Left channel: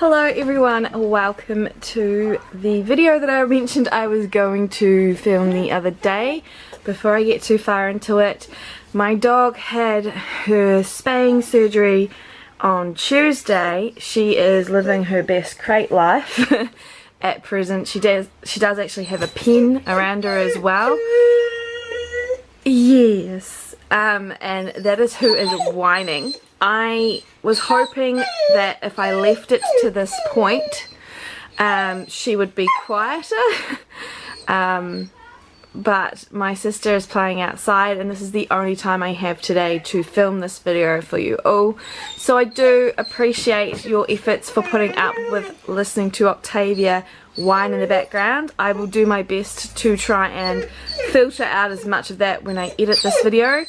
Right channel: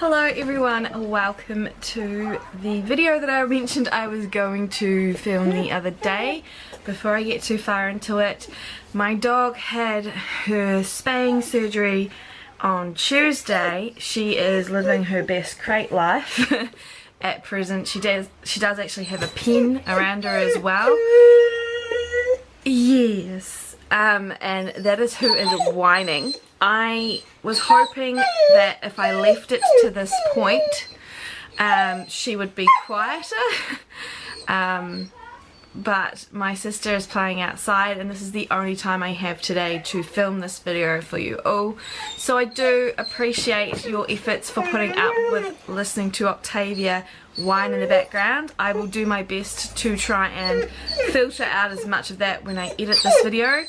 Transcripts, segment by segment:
Hello everyone, welcome to the video that I mentioned I was going to film the other day. Before I get too far into it, my dog had her spaying surgery on Tuesday. She is living her best crate life at present. She does actually have a pen around her as well. Yes, and that is who is whining. I was hoping that if I left it to this point, she would be quieter, but my sister is playing outside and this is the only time I have today to film this video for you all. So I do appreciate your efforts for putting up with listening to Octavia whine in the background. I will do my best to try and filter out as much of that when I edit this video.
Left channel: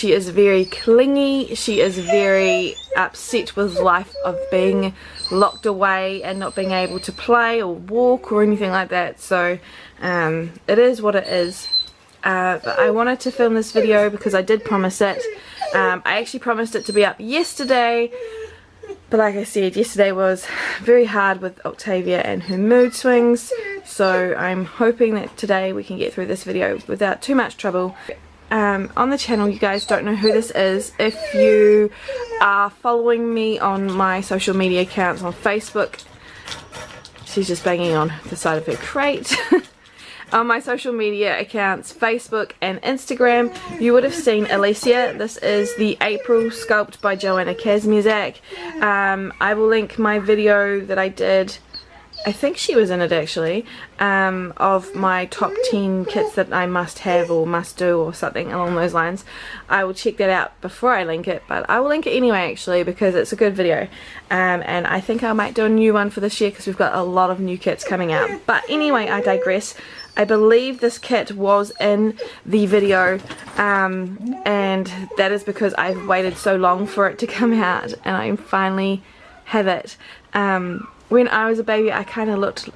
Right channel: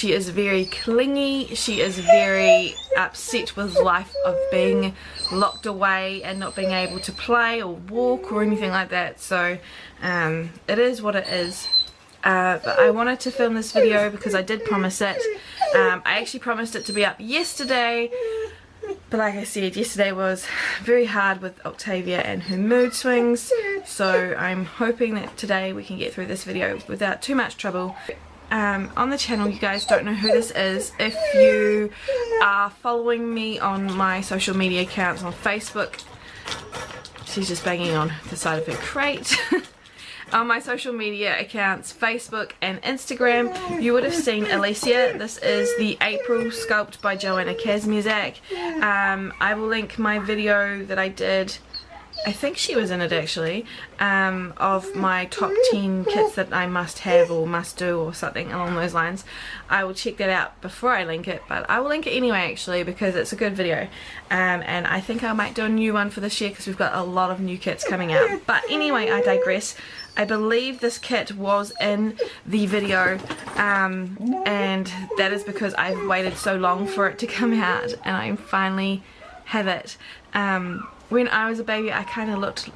She is very clingy, she is very upset with life of being locked away and not being able to play or walk or anything like that, so it is what it is. But I wanted to film this video because I did promise it. I actually promised it to be up yesterday, but like I said, yesterday was very hard with Octavia and her mood swings, so I'm hoping that today we can get through this video without too much trouble. On the channel, you guys don't know who this is. If you are following me on my social media accounts on Facebook, she's just banging on the side of her crate. On my social media accounts, Facebook and Instagram, you would have seen Elysia. This is the April sculpt by Joanna Kazmierzak. I will link my video that I did, I think she was in it actually, of my top 10 kits that I must have or must do or something along those lines. I will check that out before I link it, but I will link it anyway actually because it's a good video. And I think I might do a new one for this year because we've got a lot of new kits coming out. But anyway, I digress. I believe this kit was in the video, and that is because I've waited so long for it to come out and I finally have it. When I was a baby, I kind of looked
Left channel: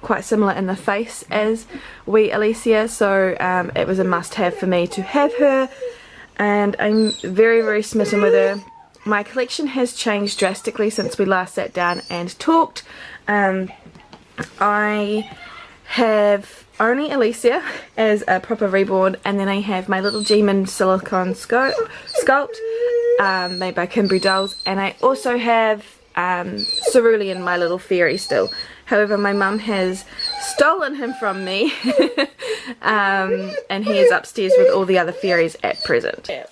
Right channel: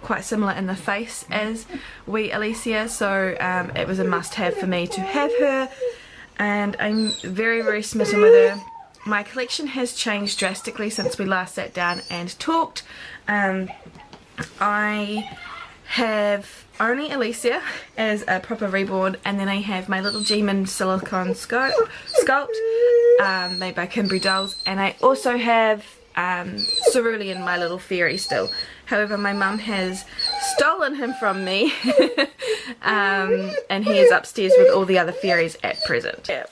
quite similar in the face as wee Elysia, so it was a must-have for me to have her, and I'm very, very smitten with her. My collection has changed drastically since we last sat down and talked. I have only Elysia as a proper Reborn, and then I have my little G-Man silicone sculpt made by Kimberly Dolls, and I also have Cerulean, my little fairy still. However, my mum has stolen him from me and he is upstairs with all the other fairies at present. Yeah,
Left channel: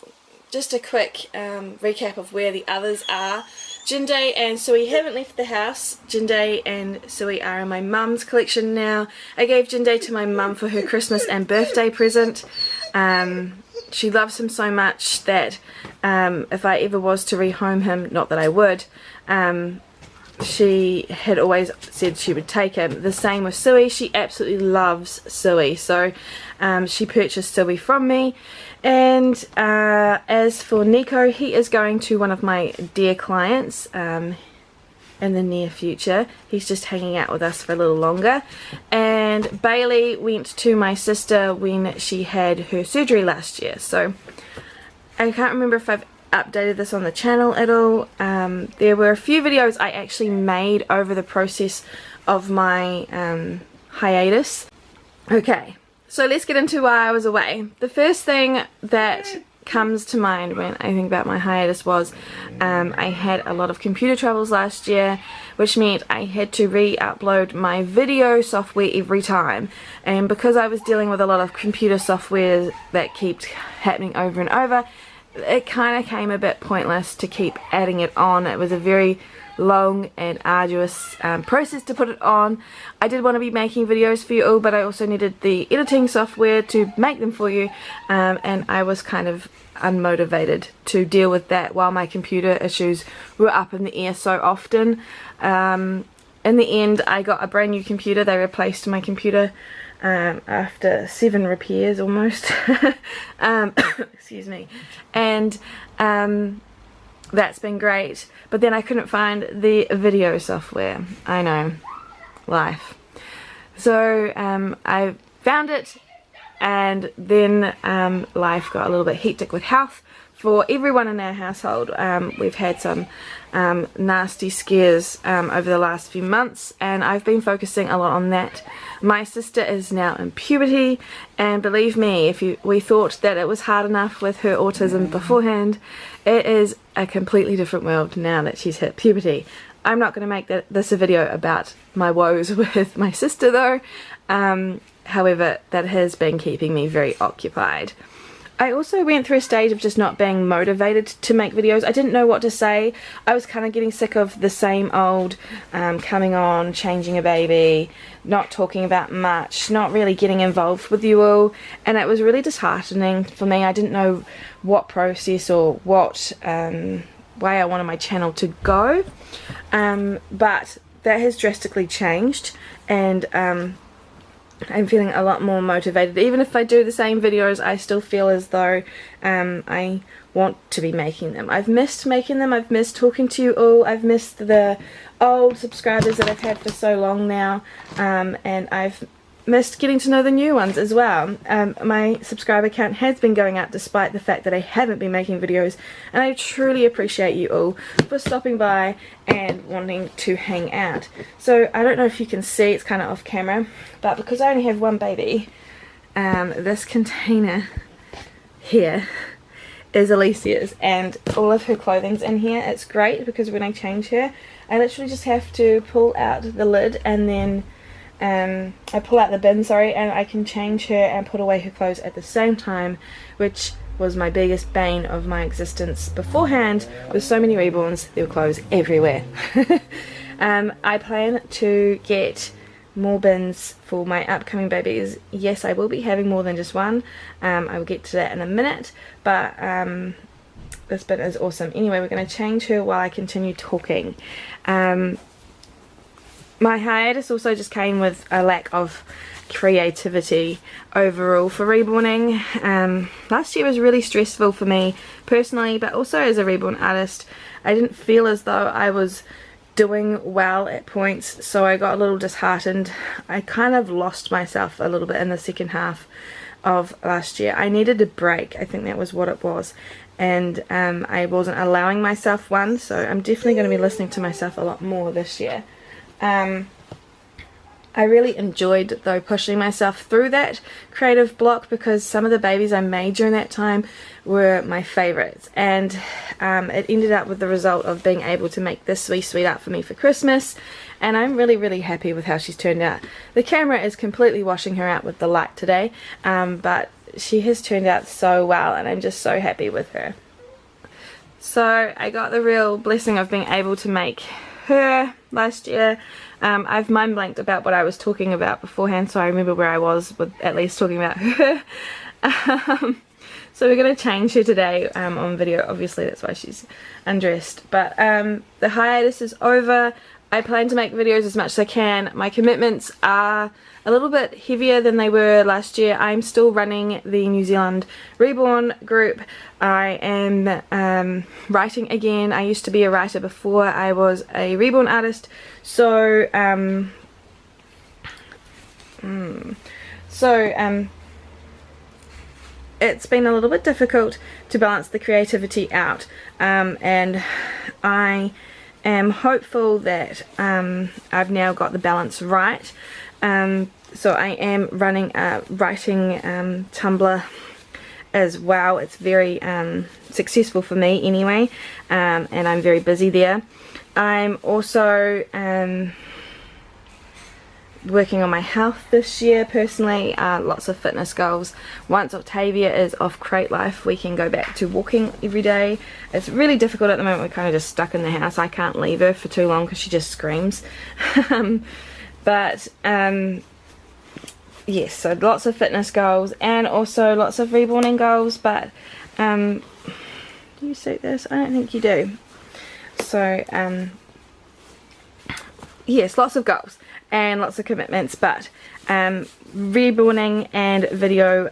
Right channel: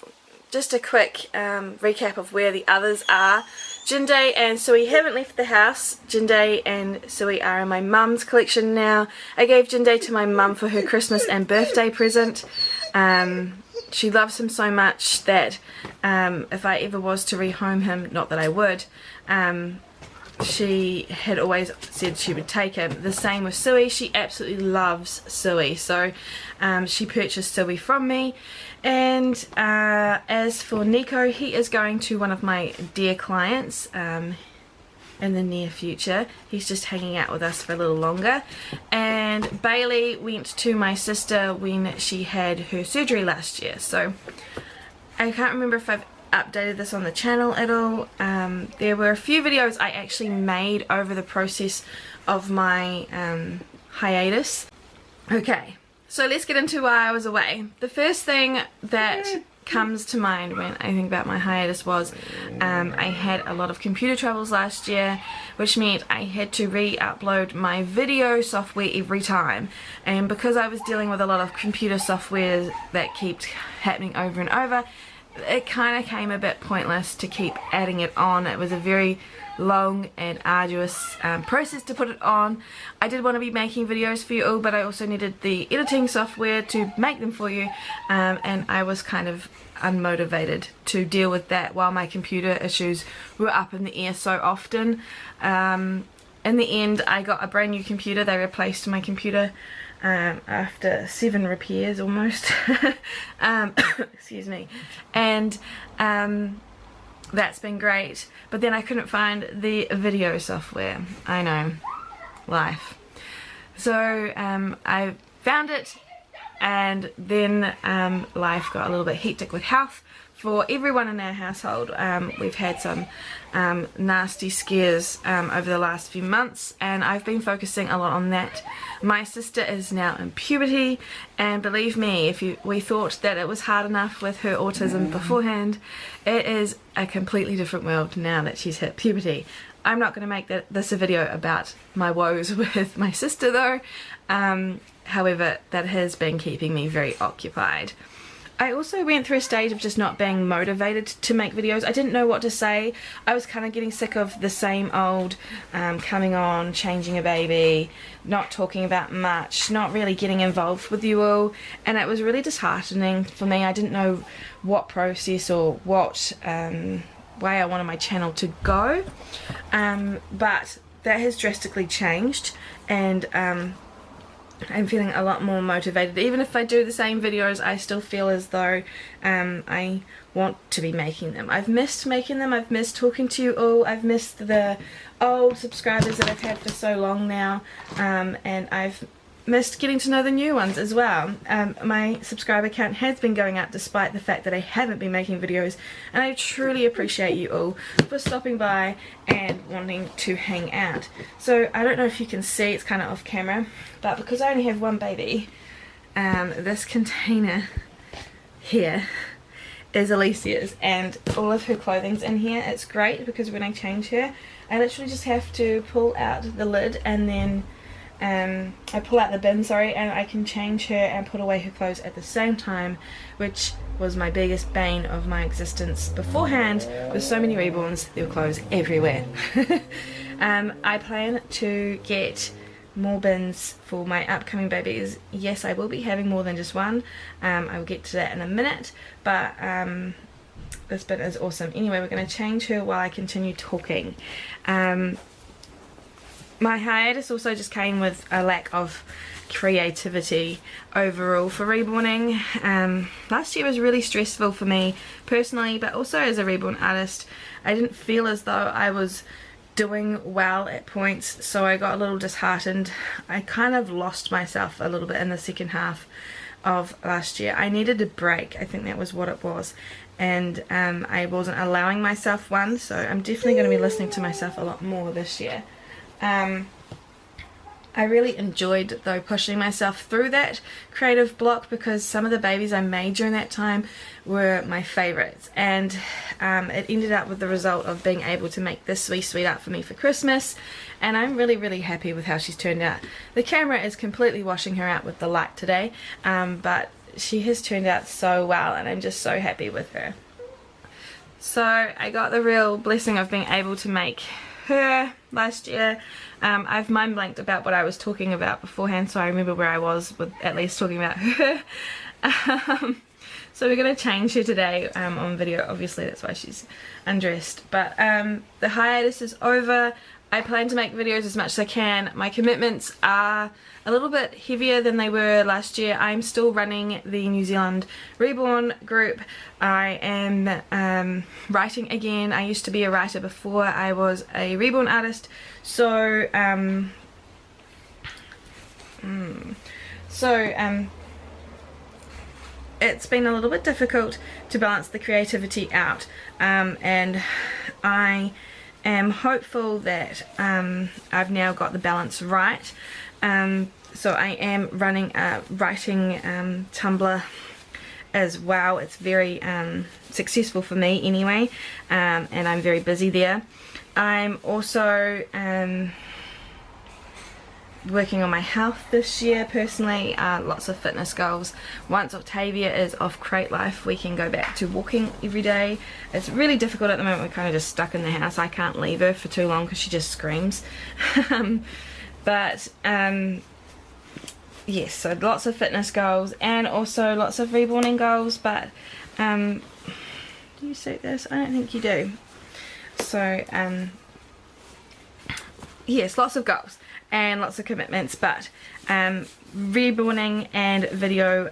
just a quick recap of where the others are. Jinday and Sui haven't left the house. Jinday and Sui are in my mum's collection now. I gave Jinday to my mum for her Christmas and birthday present. She loves him so much that if I ever was to rehome him, not that I would, she had always said she would take him. The same with Sui. She absolutely loves Sui, so she purchased Sui from me. And as for Nico, he is going to one of my dear clients in the near future. He's just hanging out with us for a little longer. And Bailey went to my sister when she had her surgery last year, so I can't remember if I've updated this on the channel at all. There were a few videos I actually made over the process of my hiatus. Okay, so let's get into why I was away. The first thing that comes to mind when I think about my hiatus was I had a lot of computer troubles last year, which meant I had to re-upload my video software every time, and because I was dealing with a lot of computer software that keeps happening over and over, it kind of came a bit pointless to keep adding it on. It was a very long and arduous process to put it on. I did want to be making videos for you all, but I also needed the editing software to make them for you, and I was kind of unmotivated to deal with that while my computer issues were up in the air so often. In the end, I got a brand new computer. They replaced my computer after 7 repairs almost. Excuse me. And that's been great, but then I couldn't find the video software. I know, life. So I found it, and then life got a little bit hectic with health, for everyone in our household. We've had some nasty scares over the last few months, and I've been focusing a lot on that. My sister is now in puberty, and believe me, we thought that it was hard enough with her autism beforehand, it is a completely different world now that she's hit puberty. I'm not going to make this a video about my woes with my sister though. However, that has been keeping me very occupied. I also went through a stage of just not being motivated to make videos. I didn't know what to say. I was kind of getting sick of the same old coming on, changing a baby, not talking about much, not really getting involved with you all, and it was really disheartening for me. I didn't know what process or what way I wanted my channel to go, but that has drastically changed, and I'm feeling a lot more motivated. Even if I do the same videos, I still feel as though I want to be making them. I've missed making them, I've missed talking to you all, I've missed the old subscribers that I've had for so long now, and I've missed getting to know the new ones as well. My subscriber count has been going up despite the fact that I haven't been making videos, and I truly appreciate you all for stopping by and wanting to hang out. So I don't know if you can see, it's kind of off camera, but because I only have one baby, this container here is Elysia's, and all of her clothing's in here. It's great because when I change her, I literally just have to pull out the lid, and then I pull out the bin, and I can change her and put away her clothes at the same time, which was my biggest bane of my existence beforehand. With so many reborns, there were clothes everywhere. I plan to get more bins for my upcoming babies. Yes, I will be having more than just one. I will get to that in a minute, but this bin is awesome. Anyway, we're going to change her while I continue talking. My hiatus also just came with a lack of creativity overall for reborning. Last year was really stressful for me personally, but also as a reborn artist. I didn't feel as though I was doing well at points, so I got a little disheartened. I kind of lost myself a little bit in the second half of last year. I needed a break, I think that was what it was, and I wasn't allowing myself one, so I'm definitely going to be listening to myself a lot more this year. I really enjoyed though pushing myself through that creative block, because some of the babies I made during that time were my favourites, and it ended up with the result of being able to make this really sweet art for me for Christmas, and I'm really happy with how she's turned out. The camera is completely washing her out with the light today, but she has turned out so well, and I'm just so happy with her. So I got the real blessing of being able to make her last year. I've mind blanked about what I was talking about beforehand, so I remember where I was with at least talking about her. So we're going to change her today on video. Obviously that's why she's undressed, but the hiatus is over. I plan to make videos as much as I can. My commitments are a little bit heavier than they were last year. I'm still running the New Zealand Reborn group. I am writing again. I used to be a writer before I was a reborn artist, so it's been a little bit difficult to balance the creativity out, and I am hopeful that I've now got the balance right. So I am running a writing Tumblr as well. It's very successful for me anyway, and I'm very busy there. I'm also working on my health this year personally, lots of fitness goals. Once Octavia is off crate life, we can go back to walking every day. It's really difficult at the moment. We're kind of just stuck in the house. I can't leave her for too long because she just screams. But yes, so lots of fitness goals and also lots of reborning goals, but do you see this? I don't think you do. So yes, lots of goals and lots of commitments, but reborning and video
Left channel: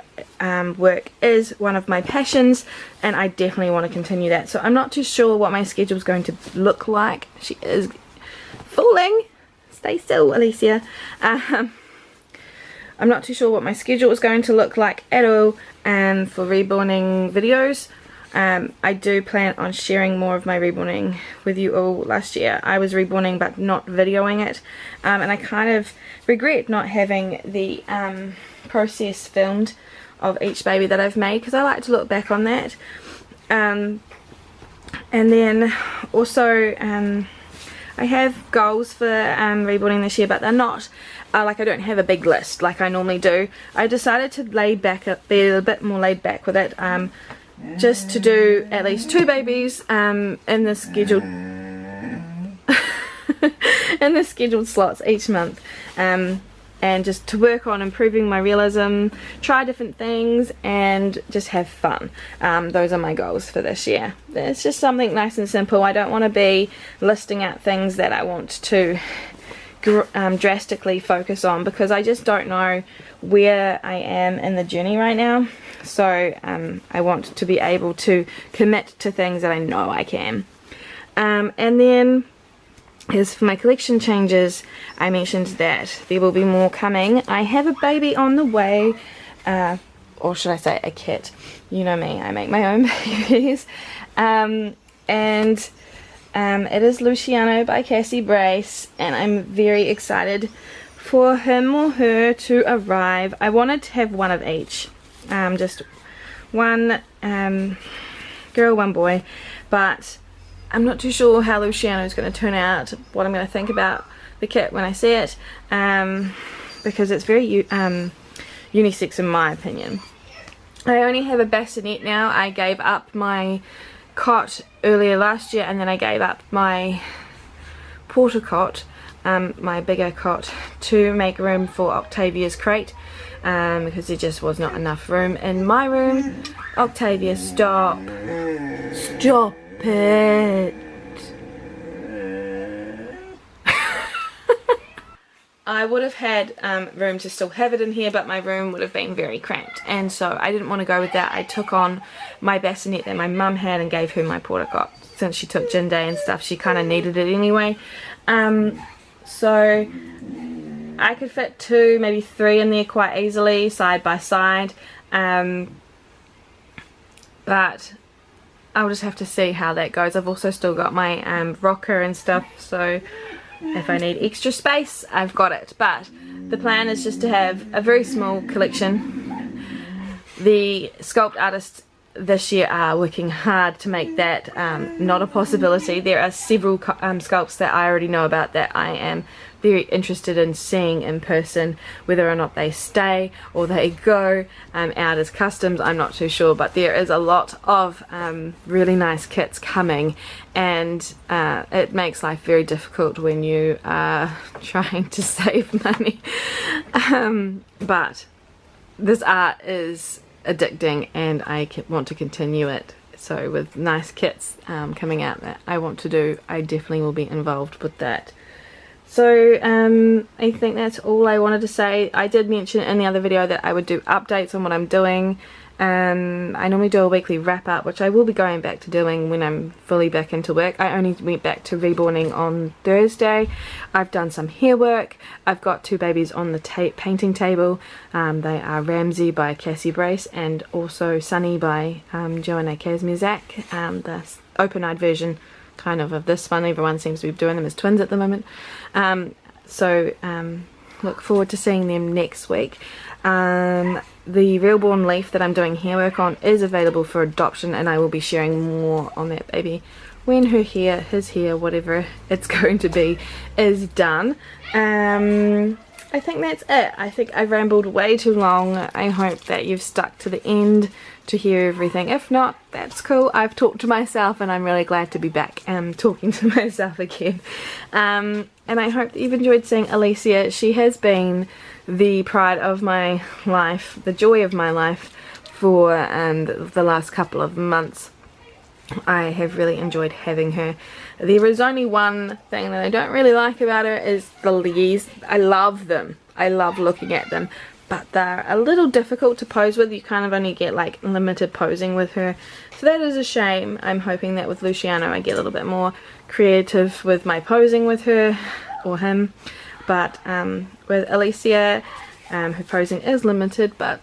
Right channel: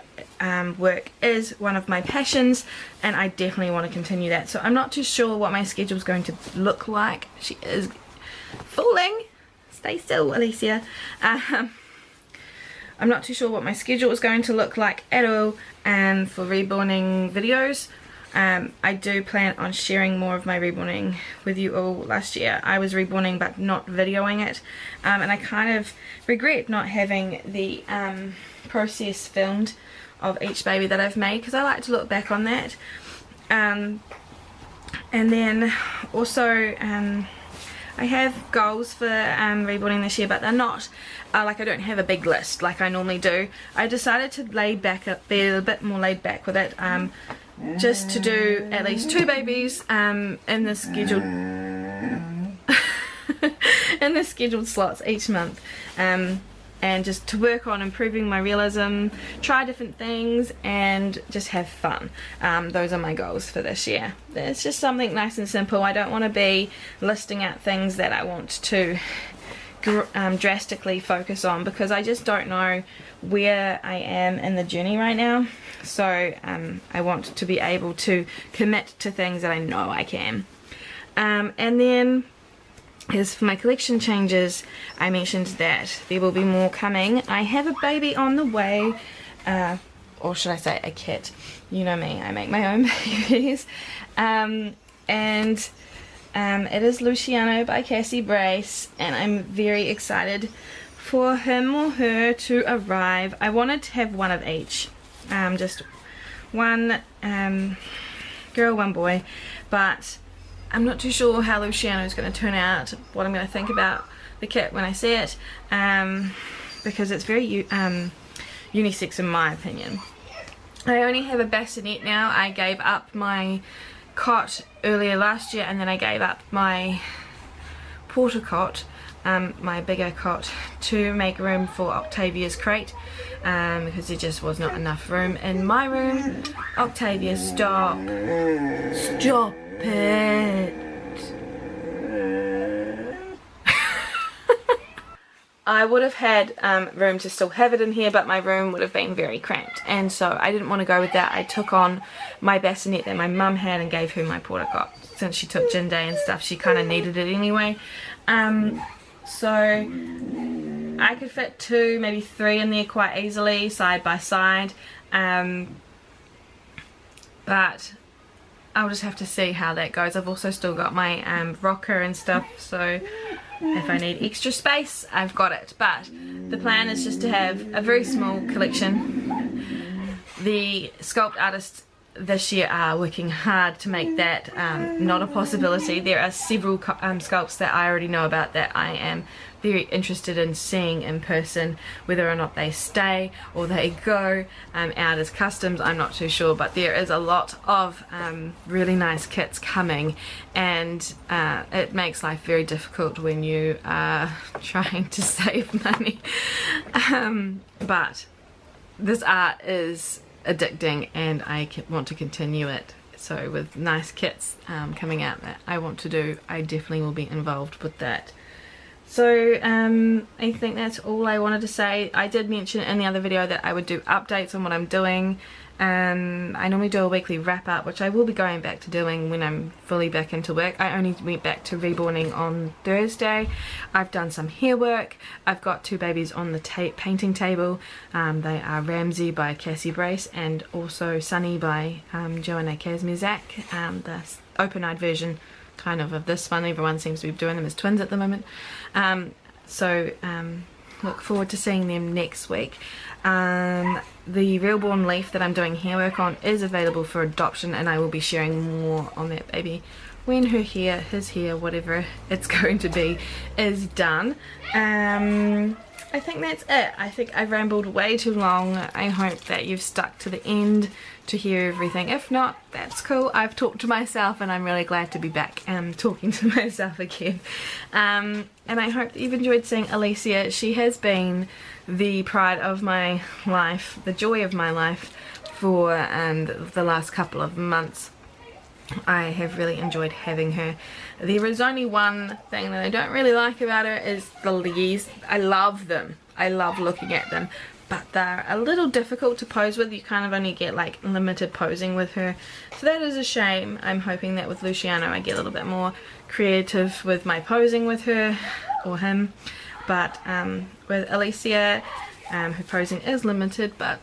work is one of my passions, and I definitely want to continue that. So I'm not too sure what my schedule is going to look like. She is falling. Stay still, Elysia. I'm not too sure what my schedule is going to look like at all for reborning videos. I do plan on sharing more of my reborning with you all. Last year I was reborning but not videoing it, and I kind of regret not having the process filmed of each baby that I've made, because I like to look back on that. And then also I have goals for reborning this year, but they're not like, I don't have a big list like I normally do. I decided to be a bit more laid back with it, just to do at least 2 babies in the scheduled in the scheduled slots each month, and just to work on improving my realism, try different things, and just have fun. Those are my goals for this year. It's just something nice and simple. I don't want to be listing out things that I want to drastically focus on, because I just don't know where I am in the journey right now. So I want to be able to commit to things that I know I can. And then as for my collection changes, I mentioned that there will be more coming. I have a baby on the way, or should I say a kit. You know me, I make my own babies. And it is Luciano by Cassie Brace, and I'm very excited for him or her to arrive. I wanted to have one of each, just one girl, one boy, but I'm not too sure how Luciano is going to turn out, what I'm going to think about the kit when I see it, because it's very unisex in my opinion. I only have a bassinet now. I gave up my cot earlier last year, and then I gave up my porta cot, my bigger cot, to make room for Octavia's crate, because there just was not enough room in my room. Octavia, stop it. I would have had room to still have it in here, but my room would have been very cramped, and so I didn't want to go with that. I took on my bassinet that my mum had and gave her my porta cot. Since she took gin day and stuff, she kind of needed it anyway. So I could fit 2, maybe 3 in there quite easily, side by side. But I'll just have to see how that goes. I've also still got my rocker and stuff, so if I need extra space, I've got it. But the plan is just to have a very small collection. The sculpt artists this year are working hard to make that not a possibility. There are several sculpts that I already know about that I am very interested in seeing in person. Whether or not they stay or they go out as customs, I'm not too sure, but there is a lot of really nice kits coming, and it makes life very difficult when you are trying to save money. But this art is addicting, and I want to continue it. So with nice kits coming out that I want to do, I definitely will be involved with that. So I think that's all I wanted to say. I did mention in the other video that I would do updates on what I'm doing. I normally do a weekly wrap up, which I will be going back to doing when I'm fully back into work. I only went back to reborning on Thursday. I've done some hair work. I've got 2 babies on the painting table. They are Ramsey by Cassie Brace and also Sunny by Joanna Kazmizak, the open-eyed version kind of this one. Everyone seems to be doing them as twins at the moment. Look forward to seeing them next week. The Reborn leaf that I'm doing hair work on is available for adoption, and I will be sharing more on that baby when her hair, his hair, whatever it's going to be, is done. I think that's it. I think I've rambled way too long. I hope that you've stuck to the end to hear everything. If not, that's cool. I've talked to myself, and I'm really glad to be back talking to myself again. And I hope that you've enjoyed seeing Elysia. She has been the pride of my life, the joy of my life for the last couple of months. I have really enjoyed having her. There is only one thing that I don't really like about her, is the leaves. I love them. I love looking at them, but they're a little difficult to pose with. You kind of only get like limited posing with her, so that is a shame. I'm hoping that with Luciano I get a little bit more creative with my posing with her or him. But with Elysia, her posing is limited, but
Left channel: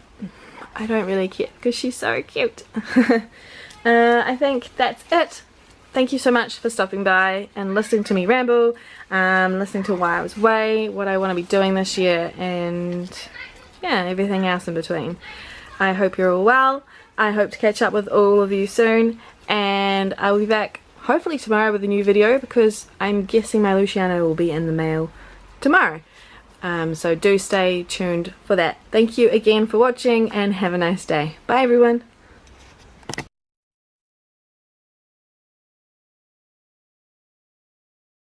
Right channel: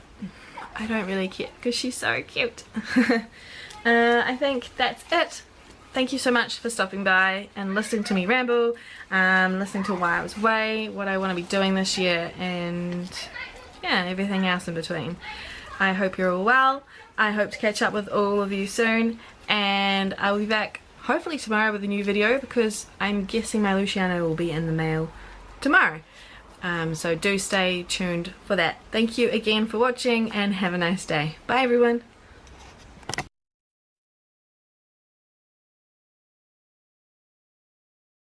I don't really care because she's so cute. I think that's it. Thank you so much for stopping by and listening to me ramble, listening to why I was away, what I want to be doing this year, and yeah, everything else in between. I hope you're all well. I hope to catch up with all of you soon, and I'll be back hopefully tomorrow with a new video, because I'm guessing my Luciano will be in the mail tomorrow. So do stay tuned for that. Thank you again for watching, and have a nice day. Bye everyone.